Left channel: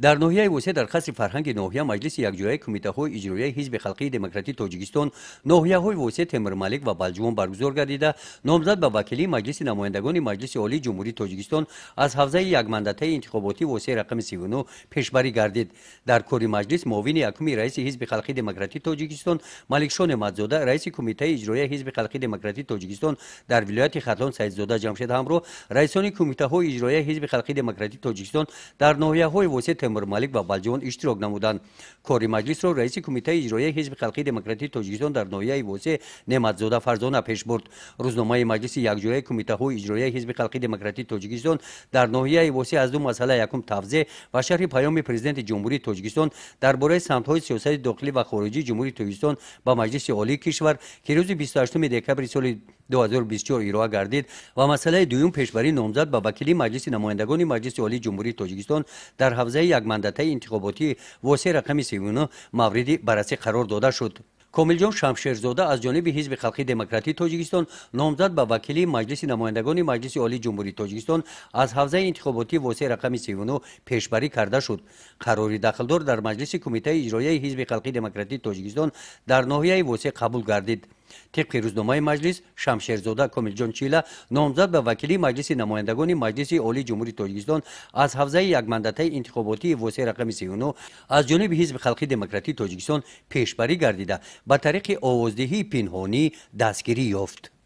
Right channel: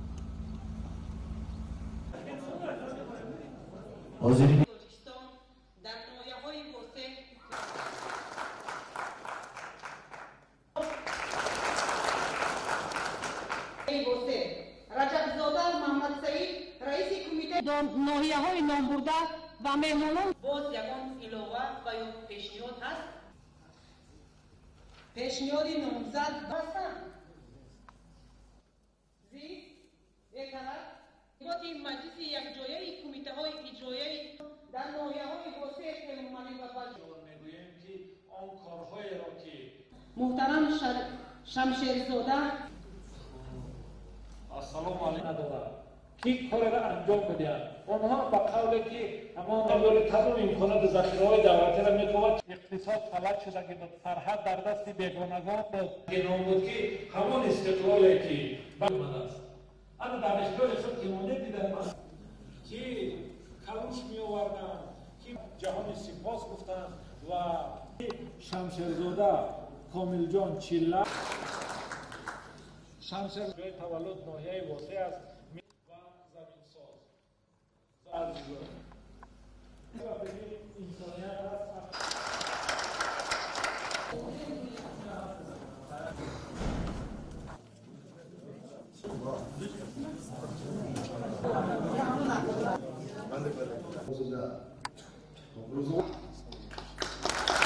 در ناحیه وسه درخواست فرهنگ ناحیه مجلس یکجایی کمیته‌های اجرایی حزب خلقی دموکراتیک تاجیکستان ناحیه‌های وسه تیمورملک و بلجوم برگزار گردیده نامزد به وکیلی مجلس نمایندگان مجلس عالی جمهوری تاجیکستان از حوزه یک مندته انتخاباتی وسه رقم 39 پیشبری گردید. در کاری مجلس معاون یکم رئیس حزب خلقی دموکراتیک تاجیکستان ملکشان مدزاده، رئیس کمیته اجرایی حزب خلقی دموکراتیک تاجیکستان در ولایت ختلان سیدزاده جمشید همراه رئیسان کمیته‌های اجرایی حزب خلقی دموکراتیک تاجیکستان در ناحیه‌های وسه تیمورملک و بلجوان اشتراک نمودند. کاری مجلس را رئیس کمیته اجرایی حزب خلقی دموکراتیک تاجیکستان در ناحیه وسه نعمتزاده فرزانه پیش برد. روزنامه مجلس یکجایی کمیته‌های اجرایی حزب خلقی دموکراتیک تاجیکستان در ناحیه وسه از دو مسئله یکم توضیح و شرح پیام پرزیدنت جمهوری تاجیکستان درباره سمت‌های سیاسی داخلی و خارجی جمهوری تاجیکستان با مجلس عالی کشور که روز 28 دکبر سال 2024 ارائه گردید و مسئله دوم پیشبری نامزد به وکیلی مجلس نمایندگان مجلس عالی جمهوری تاجیکستان در حوزه یک مندته انتخاباتی واسه رقم 39 مورد بررسی قرار داده شد. کاملجان شمشیرزاده از جانب حزب خلقی دموکراتیک تاجیکستان نامزد به وکیلی مجلس نمایندگان مجلس عالی جمهوری تاجیکستان از حوزه انتخاباتی واسه رقم 39 پیشبری کرده شد. قراری داخلدار در مجلس کمیته اجرایی حزب خلقی دموکراتیک تاجیکستان در ناحیه واسه قبول گردید. طبق روزنامه مجلس شمشیرزاده کاملجان چیله نامزد به وکیلی مجلس نمایندگان مجلس عالی جمهوری تاجیکستان از حوزه یک مندته انتخاباتی واسه رقم 39 از جانب حزب خلقی دموکراتیک تاجیکستان پیشبری گردیده به طریق آوازدهی پنهانی دستگیری یافت.